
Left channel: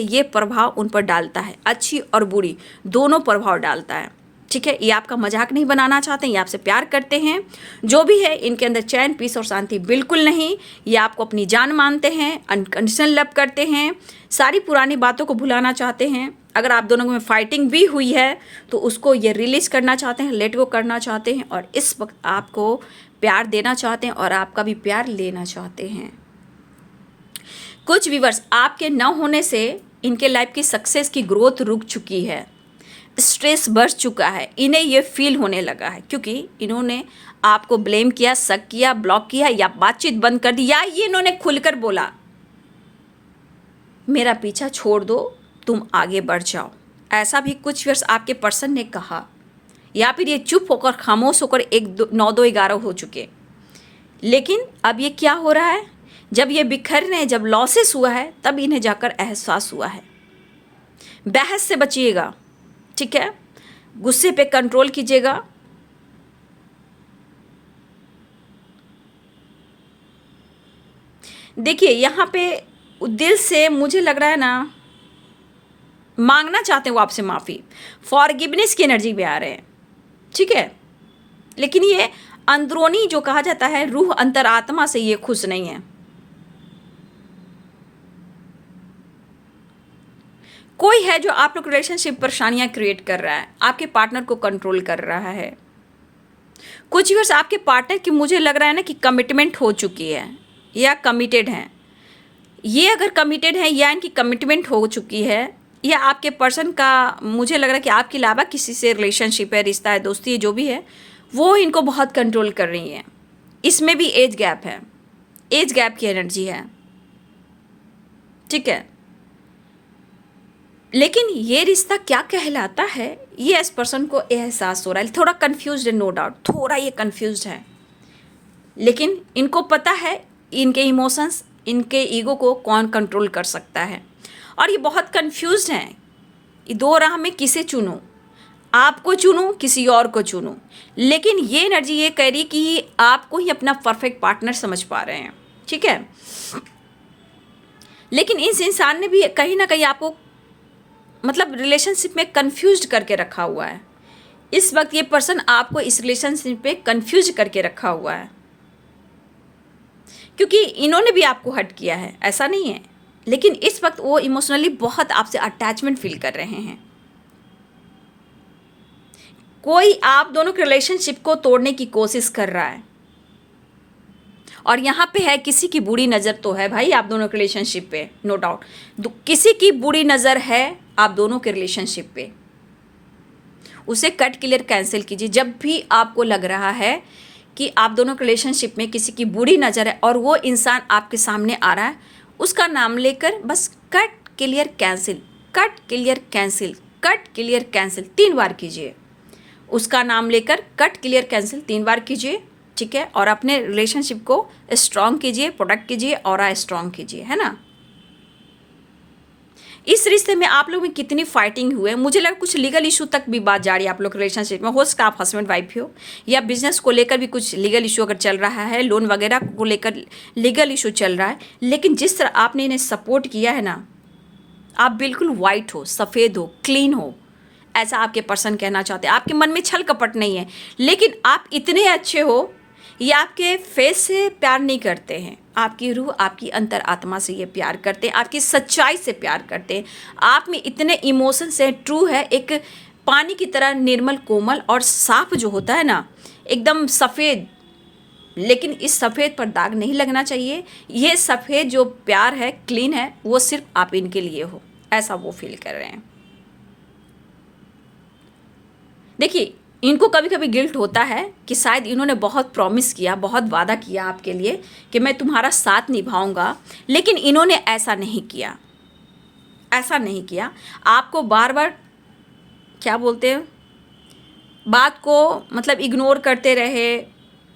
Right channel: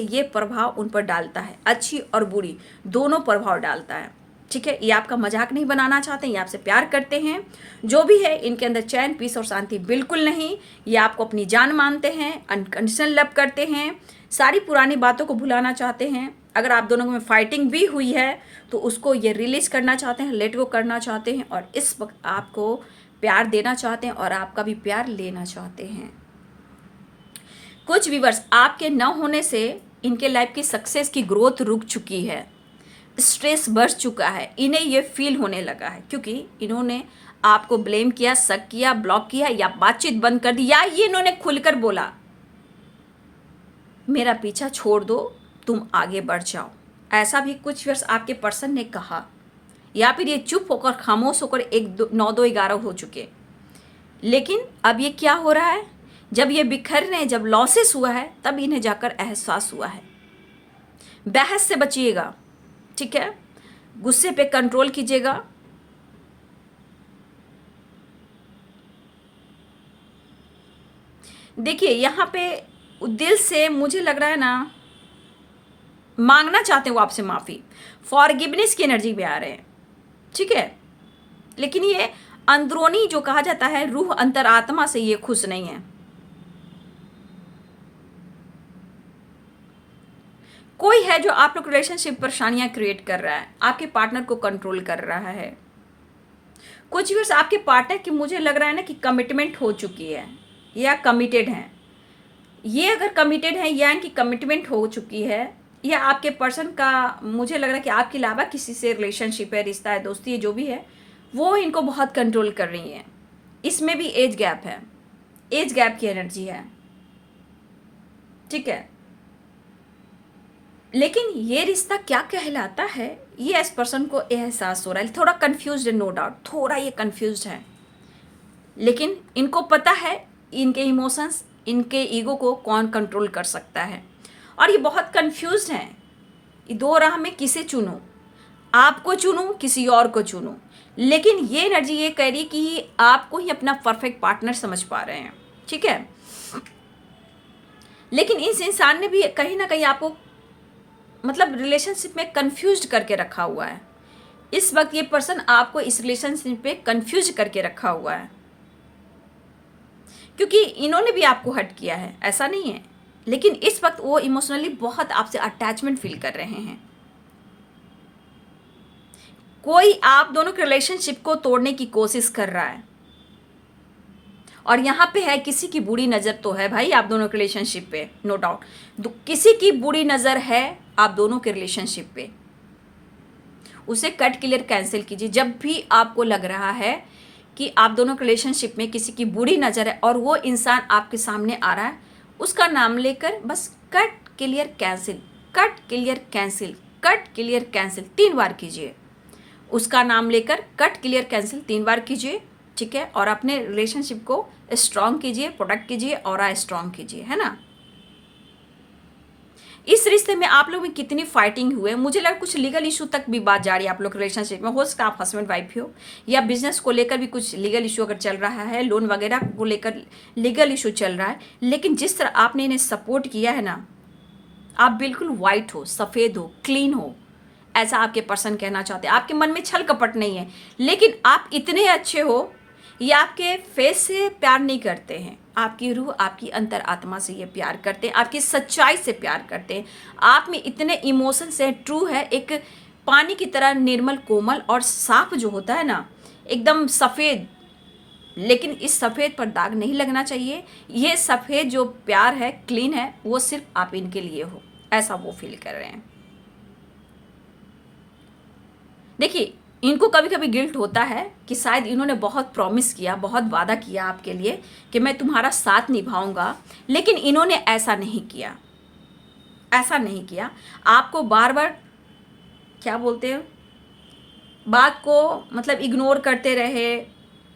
ये प्रभाव उन पर डालता है, अच्छी और बुरी दोनों प्रभाव डालता है, ठीक है। ये आपका मजाक नहीं बनाना चाहते हैं, ये आपसे प्यार करते हैं, जो भी है इनके अंदर चैन, पीस और शांति बिल्कुल नहीं, ये आपको अपनी जान मानते हैं, अनकंडीशनल लव करते हैं, सारी पुरानी बातों को भुलाना चाहते हैं। अगर आप दोनों में फाइटिंग भी हुई है तो उसको ये रिलीज करना चाहते हैं, लेट गो करना चाहते हैं, और इस वक्त आपको प्यार देना चाहते हैं और आपका भी प्यार लेना चाहते हैं। कुछ व्यूअर्स आपके न होने से इनके लाइफ की सक्सेस की ग्रोथ रुक चुकी है, स्ट्रेस बढ़ चुका है, इन्हें ये फील होने लगा है, क्योंकि इन्होंने आपको ब्लेम किया, शक किया, ब्लॉक किया या बातचीत बंद कर दी, या ये इन्होंने खुलकर बोला मेरा पीछा छोड़ दो, तुम आगे बढ़ जाओ, ऐसा भी कुछ व्यूअर्स आपके पर्सन ने कहा, या फिर ये चुप होकर खामोश होकर 9-2-11 हो चुके। लेकिन अब ये क्या हो रहा है, जब ये बिखर रहे हैं, जब लॉसेस हुआ है, तब इन्हें जाकर एहसास हुआ है। बहस से बचिएगा, ठीक है, गुस्से पे कंट्रोल कीजिएगा, देखिए यहाँ पे दिल से मुझे लग रहा है ना, मांगना चाहते हैं वो आपसे माफ़ी, फॉरगिवनेस की एनर्जी में आ रहे हैं, ठीक है। लेकिन ये अंदरूनी जो कहा जाता है रूह, अंतरात्मा से ये खुश नहीं है। कोई है जो आप लोग रिलेशनशिप परेशानियां क्रिएट कर रहा है, आपके पार्टनर को कंट्रोल कर रहा है। कुछ व्यूअर्स आपके पार्टनर की मुझे लग रहा है ना कि कमिटमेंट हो चुकी है या कमिटेड हैं। ये अगर कमिटेड है या इनकी कमिटमेंट हो चुकी है, या आपके पर्सन का मुझे लग रहा है कि आपके अलावा किसी से रिलेशनशिप है, रिश्ता है, दोस्ती है, जो भी है वो इनको बहुत कंट्रोल कर रही है। इसमें भी एज गैप है, एज गैप की एनर्जी है, ठीक है। लेकिन ये रिश्ता क्या कहलाता है ये इस पर्सन को एहसास हो रहा है। थोड़ा कंफ्यूज्ड है, नो डाउट, थोड़ा ये कंफ्यूज्ड है, लेकिन इनको पता है इनके इमोशंस, इनके ईगो को कौन कंट्रोल कर सकता है। और ये बहुत कंफ्यूज्ड हैं, ये दो राह में किसे चुनूं, आपको चुनूं किसी और को चुनूं। लेकिन ये एनर्जी ये कह रही कि आपको ही अपना परफेक्ट पार्टनर समझ पा रहे हैं, ठीक है। लेकिन इस इंसान ने भी कहीं ना कहीं आपको मतलब रिलेशनशिप में कंफ्यूज करके रखा हुआ है। इस वक्त ये पर्सन आपको इस रिलेशनशिप पे कंफ्यूज करके रखा हुआ है, क्योंकि इन्होंने भी आपको हर्ट किया है, ऐसा नहीं है। लेकिन इस वक्त वो इमोशनली बहुत आपसे अटैचमेंट फील कर रहे हैं। कोई आप दोनों के रिलेशनशिप को तोड़ने की कोशिश कर रहा है, और यहाँ पे है किसी की बुरी नज़र तो है भाई आप दोनों के रिलेशनशिप पे, नो डाउट किसी की बुरी नज़र है आप दोनों के रिलेशनशिप पे। उसे कट क्लियर कैंसिल कीजिए। जब भी आपको लग रहा है कि आप दोनों के रिलेशनशिप में किसी की बुरी नज़र है और वो इंसान आपके सामने आ रहा है, उसका नाम लेकर बस cut clear cancel, cut clear cancel, cut clear cancel 3 बार कीजिए। उसका नाम लेकर कट क्लियर कैंसिल 3 बार कीजिए, ठीक है। और अपने रिलेशनशिप को स्ट्रॉन्ग कीजिए, प्रोटेक्ट कीजिए, ऑरा स्ट्रॉन्ग कीजिए, है ना। इस रिश्ते में आप लोग में कितनी फाइटिंग हुए, मुझे लगा कुछ लीगल इशू तक भी बात जा रही है आप लोग के रिलेशनशिप में। हो सकता है आप हस्बैंड वाइफ हो, या बिजनेस को लेकर भी कुछ लीगल इशू अगर चल रहा है, लोन वगैरह को लेकर लीगल इशू चल रहा है। लेकिन जिस तरह आपने इन्हें सपोर्ट किया है ना, आप बिल्कुल वाइट हो, सफ़ेद हो, क्लीन हो, ऐसा आपके पर्सन कहना चाहते हैं। आपके मन में छल कपट नहीं है, लेकिन आप इतने अच्छे हो, ये आपके फेस से प्यार नहीं करते हैं, आपकी रूह, आपकी अंतर आत्मा से ये प्यार करते हैं, आपकी सच्चाई से प्यार करते हैं। आप में इतने इमोशंस हैं, ट्रू है, एक पानी की तरह निर्मल, कोमल और साफ जो होता है ना, एकदम सफ़ेद। लेकिन इस सफ़ेद पर दाग नहीं लगना चाहिए। ये सफ़ेद जो प्यार है, क्लीन है, वो सिर्फ आप इनके लिए हो, ऐसा वो फील कर रहे हैं। देखिए, इनको कभी कभी गिल्ट होता है कि शायद इन्होंने बहुत प्रॉमिस किया, बहुत वादा किया आपके लिए कि मैं तुम्हारा साथ निभाऊंगा, लेकिन इन्होंने ऐसा नहीं किया, ऐसा नहीं किया। आपको बार बार क्या बोलते हैं, बात को मतलब इग्नोर करते रहे,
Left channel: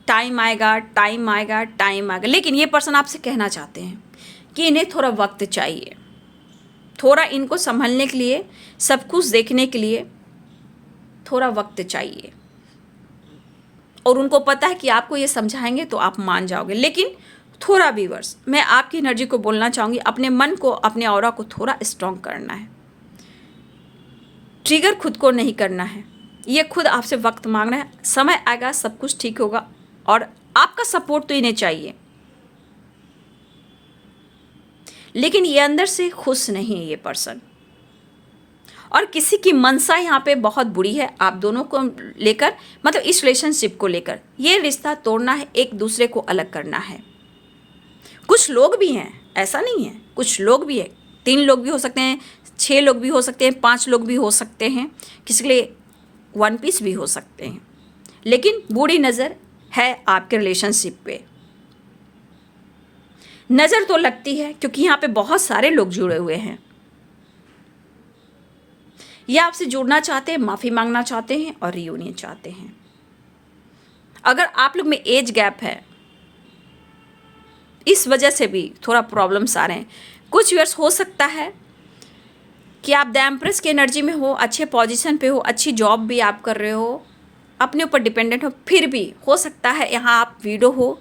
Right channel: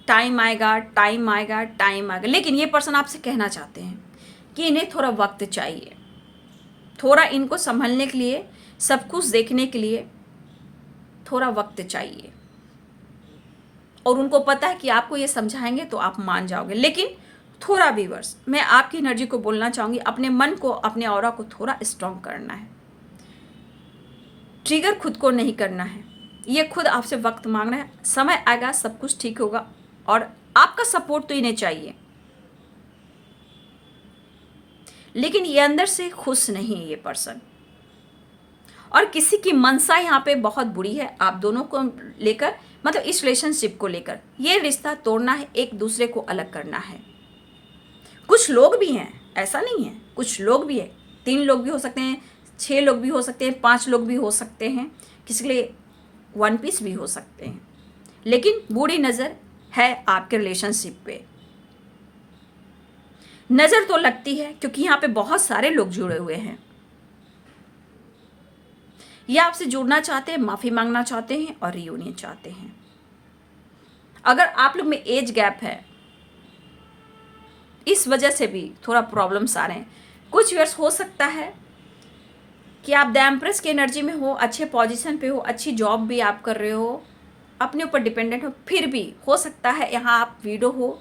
टाइम आएगा, टाइम आएगा, टाइम आएगा। लेकिन ये पर्सन आपसे कहना चाहते हैं कि इन्हें थोड़ा वक्त चाहिए, थोड़ा इनको संभलने के लिए, सब कुछ देखने के लिए थोड़ा वक्त चाहिए। और उनको पता है कि आपको ये समझाएंगे तो आप मान जाओगे। लेकिन थोड़ा व्यूअर्स, मैं आपकी एनर्जी को बोलना चाहूँगी, अपने मन को, अपने ऑरा को थोड़ा स्ट्रॉन्ग करना है। ट्रिगर खुद को नहीं करना है, ये खुद आपसे वक्त मांग रहा है। समय आएगा, सब कुछ ठीक होगा, और आपका सपोर्ट तो इन्हें चाहिए। लेकिन ये अंदर से खुश नहीं है ये पर्सन, और किसी की मनसा यहाँ पे बहुत बुरी है आप दोनों को लेकर, मतलब इस रिलेशनशिप को लेकर। ये रिश्ता तोड़ना है, एक दूसरे को अलग करना है। कुछ लोग भी हैं, ऐसा नहीं है, कुछ लोग भी है, 3 लोग भी हो सकते हैं, 6 लोग भी हो सकते हैं, 5 लोग भी हो सकते हैं, किसी के लिए 1 पीस भी हो सकते हैं। लेकिन बुरी नज़र है आपके रिलेशनशिप पे। नज़र तो लगती है क्योंकि यहाँ पे बहुत सारे लोग जुड़े हुए हैं। ये आपसे जुड़ना चाहते हैं, माफ़ी मांगना चाहते हैं और रियूनियन चाहते हैं। अगर आप लोग में एज गैप है, इस वजह से भी थोड़ा प्रॉब्लम्स आ रहे हैं। कुछ ईयर्स हो सकता है कि आप द एम्प्रेस की एनर्जी में हो, अच्छे पोजीशन पे हो, अच्छी जॉब भी आप कर रहे हो, अपने ऊपर डिपेंडेंट हो, फिर भी हो सकता है यहाँ आप विडो हो,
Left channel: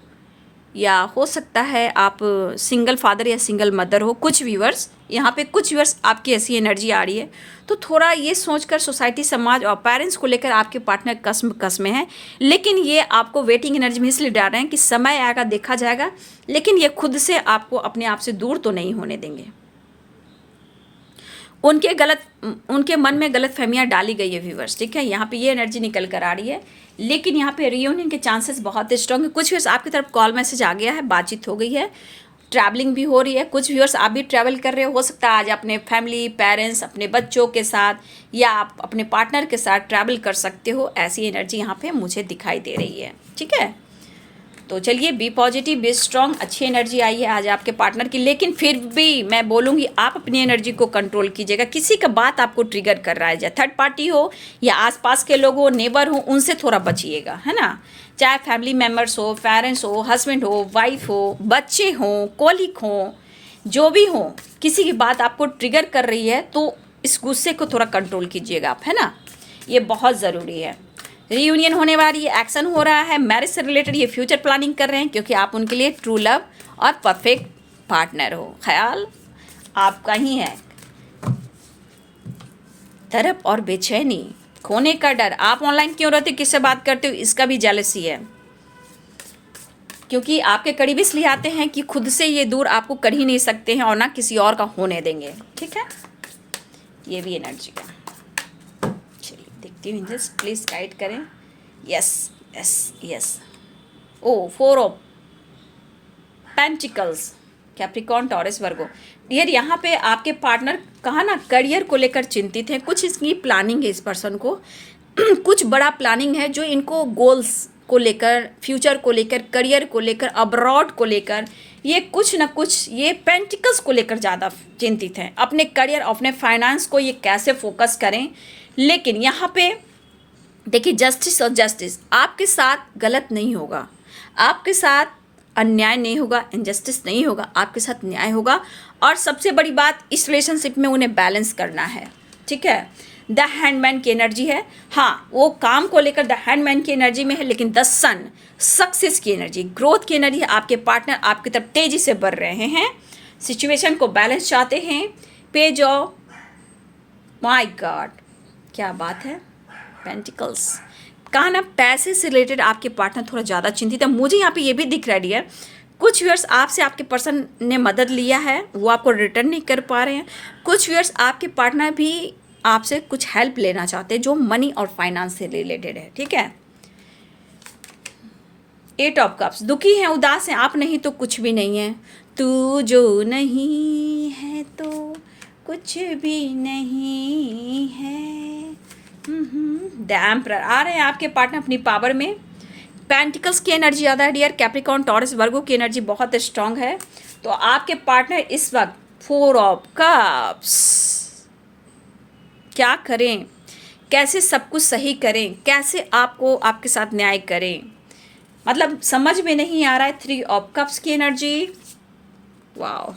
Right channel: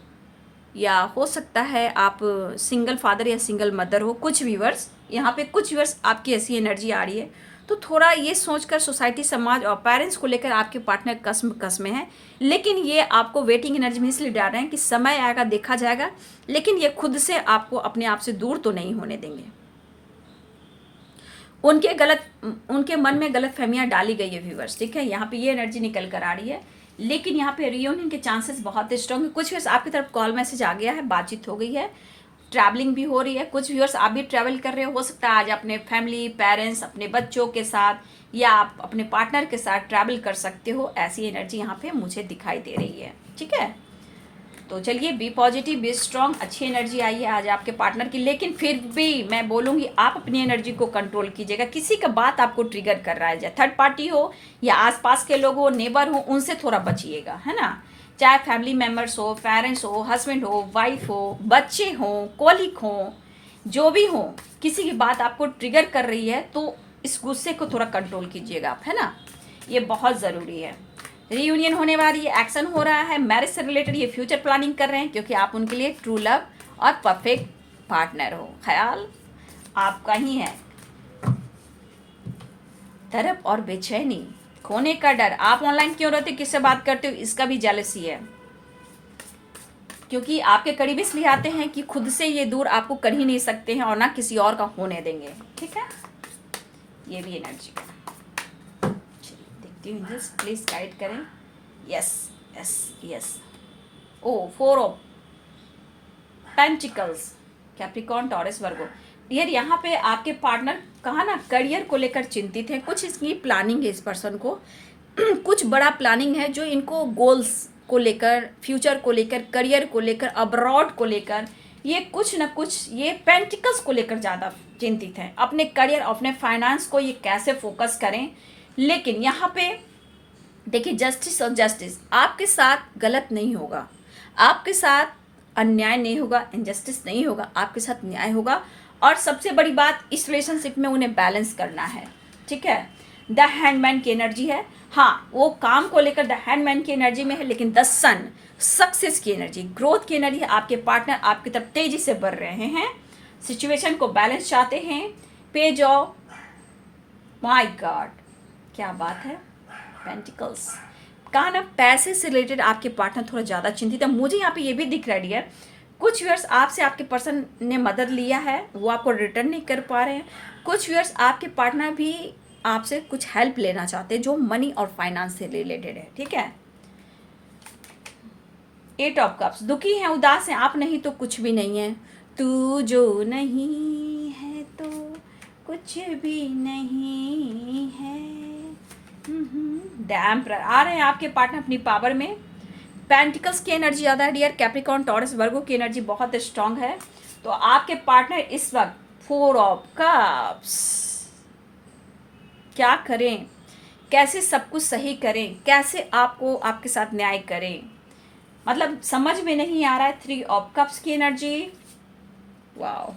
या हो सकता है आप सिंगल फादर या सिंगल मदर हो। कुछ व्यूअर्स यहाँ पे, कुछ व्यूअर्स आपकी ऐसी एनर्जी आ रही है, तो थोड़ा ये सोचकर सोसाइटी, समाज और पेरेंट्स को लेकर आपके पार्टनर कस में है। लेकिन ये आपको वेटिंग एनर्जी में इसलिए डाल रहे हैं कि समय आएगा, देखा जाएगा। लेकिन ये खुद से आपको अपने आप से दूर तो नहीं होने देंगे। उनके मन में गलत फहमियाँ डाली गई है व्यूअर्स, ठीक है। यहाँ पे ये एनर्जी निकल कर आ रही है। लेकिन यहाँ पे रियूनियन के चांसेस बहुत स्ट्रॉन्ग है। कुछ व्यूअर्स आपकी तरफ कॉल मैसेज आ गया है, बातचीत हो गई है, ट्रैवलिंग भी हो रही है, कुछ व्यूअर्स आप भी ट्रैवल कर रहे हो सकता है आज अपने फैमिली, पेरेंट्स, अपने बच्चों के साथ या आप अपने पार्टनर के साथ ट्रैवल कर सकते हो, ऐसी एनर्जी यहाँ पे मुझे दिखाई दे रही है। ठीक है, तो चलिए बी पॉजिटिव, बी स्ट्रांग, अच्छी एनर्जी आई है आज आपके पार्टनर की। लेकिन फिर भी मैं बोलूँगी आप अपनी एनर्जी को कंट्रोल कीजिएगा। किसी का बात आपको ट्रिगर कर रहा है, चाहे थर्ड पार्टी हो या आसपास के लोग हो, नेबर हो, उनसे थोड़ा बचिएगा, है ना। चाहे फैमिली मेम्बर्स हो, पेरेंट्स हो, हस्बैंड हो, वाइफ हो, बच्चे हों, कॉलिग हों, जो भी हो, किसी की बात आपको ट्रिगर कर रही है तो इस गुस्से को थोड़ा कंट्रोल कीजिएगा आप, है ना। ये बहुत ज़रूरी है। रीयूनियन होने वाली है, एक्शन हो रहा है, मैरिज से रिलेटेड ये फ्यूचर प्लानिंग कर रहे हैं क्योंकि आप उनके लिए ट्रू लव और परफेक्ट पार्टनर हो। ख्याल आपका ही है। तड़प और बेचैनी, खोने का डर, आप ऑनलाइन क्यों रहते हो, किससे बात करते हो, इसका भी जेलसी है क्योंकि आपके करीब इसलिए आते हैं कि खुद से ये दूर आपको कर ही नहीं सकते हैं और ना किसी और का होने देंगे। ठीक है, ये भी एनर्जी है। देखती हूँ इंजल्स, प्लीज गाइड करें। Yes yes yes, oh 4 of pentacles, Capricorn, Taurus, Virgo. Dear यहाँ पे आपके पार्टनर कहा ना करियर को लेकर चिंतित हैं, कुछ इसकी प्लानिंग है इस पर्सन को कुछ बड़ा प्लानिंग है जो इनको गोल्स को लेकर, फ्यूचर को लेकर, करियर को लेकर, अब्रॉड को लेकर, ये कुछ ना कुछ ये पेंटिकल्स को लेकर ज़्यादा चिंतित हैं। अपने करियर, अपने फाइनेंस को ये कैसे फोकस करें। लेकिन यहाँ पे देखिए जस्टिस और जस्टिस, आपके साथ गलत नहीं होगा, आपके साथ अन्याय नहीं होगा, इनजस्टिस नहीं होगा, आपके साथ न्याय होगा। और सबसे बड़ी बात, इस रिलेशनशिप में उन्हें बैलेंस करना है। ठीक है, द हैंडमैन की एनर्जी है। हाँ, वो काम को लेकर द हैंडमैन की एनर्जी में है, लेकिन द सन सक्सेस की एनर्जी, ग्रोथ की एनर्जी है। आपके पार्टनर आपकी तरफ तेजी से बढ़ रहे हैं, सिचुएशन को बैलेंस चाहते हैं। पेज ऑफ, माय गॉड क्या बात है, पेंटिकल्स। कहा ना पैसे से रिलेटेड आपके पार्टनर थोड़ा ज़्यादा चिंतित है। मुझे यहाँ पे ये भी दिख रहा है डियर, कुछ व्यूअर्स आपसे आपके पर्सन ने मदद लिया है, वो आपको रिटर्न नहीं कर पा रहे हैं। कुछ व्यूअर्स आपके पार्टनर भी आपसे कुछ हेल्प लेना चाहते हैं जो मनी और फाइनेंस से रिलेटेड है। ठीक है, 8 ऑफ कप्स, दुखी हैं, उदास हैं, आप नहीं तो कुछ भी नहीं है, तू जो नहीं है तो कुछ भी नहीं है। द एम्परर, आ रहे हैं आपके पार्टनर अपनी पावर में। पेंटिकल्स की एनर्जी ज़्यादा है डियर, कैप्रिकॉर्न, टॉरस, वर्गो की एनर्जी बहुत स्ट्रांग है। तो आपके पार्टनर इस वक्त 4 ऑफ कप्स, क्या करें, कैसे सब कुछ सही करें, कैसे आपको आपके साथ न्याय करें, मतलब समझ में नहीं आ रहा है। 3 ऑफ कप्स की एनर्जी, वाओ,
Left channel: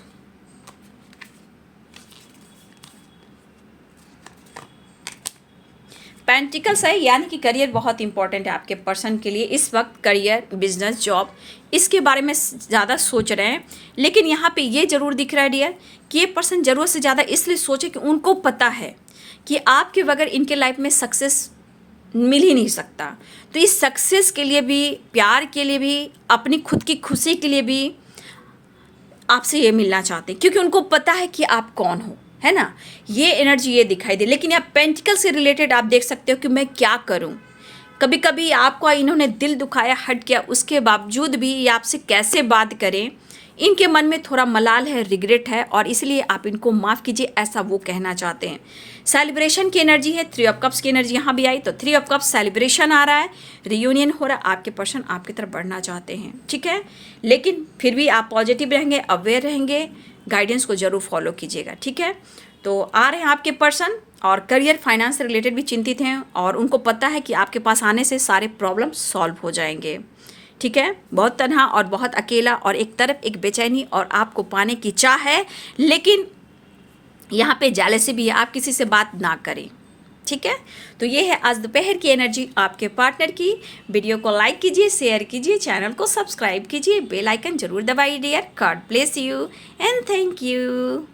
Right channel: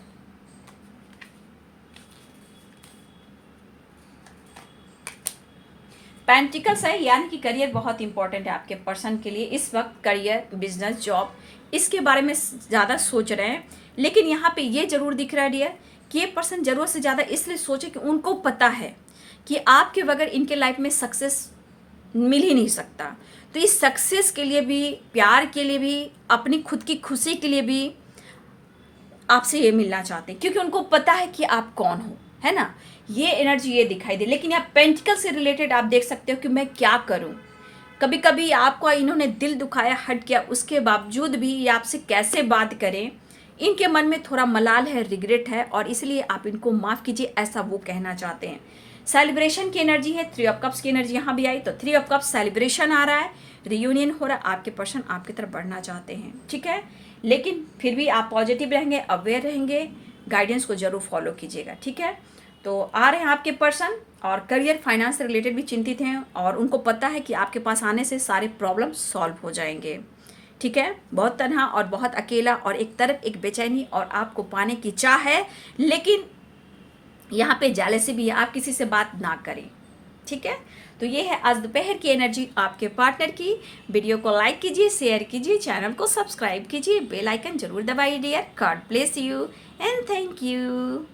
पेंटिकल्स है, यानी कि करियर बहुत इंपॉर्टेंट है आपके पर्सन के लिए इस वक्त। करियर, बिजनेस, जॉब, इसके बारे में ज़्यादा सोच रहे हैं। लेकिन यहाँ पे ये ज़रूर दिख रहा है डियर कि ये पर्सन ज़रूरत से ज़्यादा इसलिए सोचे कि उनको पता है कि आपके बगैर इनके लाइफ में सक्सेस मिल ही नहीं सकता। तो इस सक्सेस के लिए भी, प्यार के लिए भी, अपनी खुद की खुशी के लिए भी आपसे ये मिलना चाहते हैं क्योंकि उनको पता है कि आप कौन हो, है ना। ये एनर्जी ये दिखाई दे। लेकिन यहाँ पेंटिकल से रिलेटेड आप देख सकते हो कि मैं क्या करूँ। कभी कभी आपको इन्होंने दिल दुखाया, हट गया, उसके बावजूद भी ये आपसे कैसे बात करें, इनके मन में थोड़ा मलाल है, रिग्रेट है और इसलिए आप इनको माफ़ कीजिए, ऐसा वो कहना चाहते हैं। सेलिब्रेशन की एनर्जी है, 3 ऑफ कप्स की एनर्जी यहाँ भी आई। तो 3 ऑफ कप्स, सेलिब्रेशन आ रहा है, रियूनियन हो रहा है, आपके पर्सन आपकी तरफ बढ़ना चाहते हैं। ठीक है, लेकिन फिर भी आप पॉजिटिव रहेंगे, अवेयर रहेंगे, गाइडेंस को जरूर फॉलो कीजिएगा। ठीक है, तो आ रहे हैं आपके पर्सन और करियर, फाइनेंस से रिलेटेड भी चिंतित हैं और उनको पता है कि आपके पास आने से सारे प्रॉब्लम सॉल्व हो जाएंगे। ठीक है, बहुत तन्हा और बहुत अकेला और एक तरफ एक बेचैनी और आपको पाने की चाह है, लेकिन यहाँ पे जेलसी भी है, आप किसी से बात ना करें। ठीक है, तो ये है आज दोपहर की एनर्जी आपके पार्टनर की। वीडियो को लाइक कीजिए, शेयर कीजिए, चैनल को सब्सक्राइब कीजिए, बेल आइकन जरूर दबाइए dear. God bless you and thank you.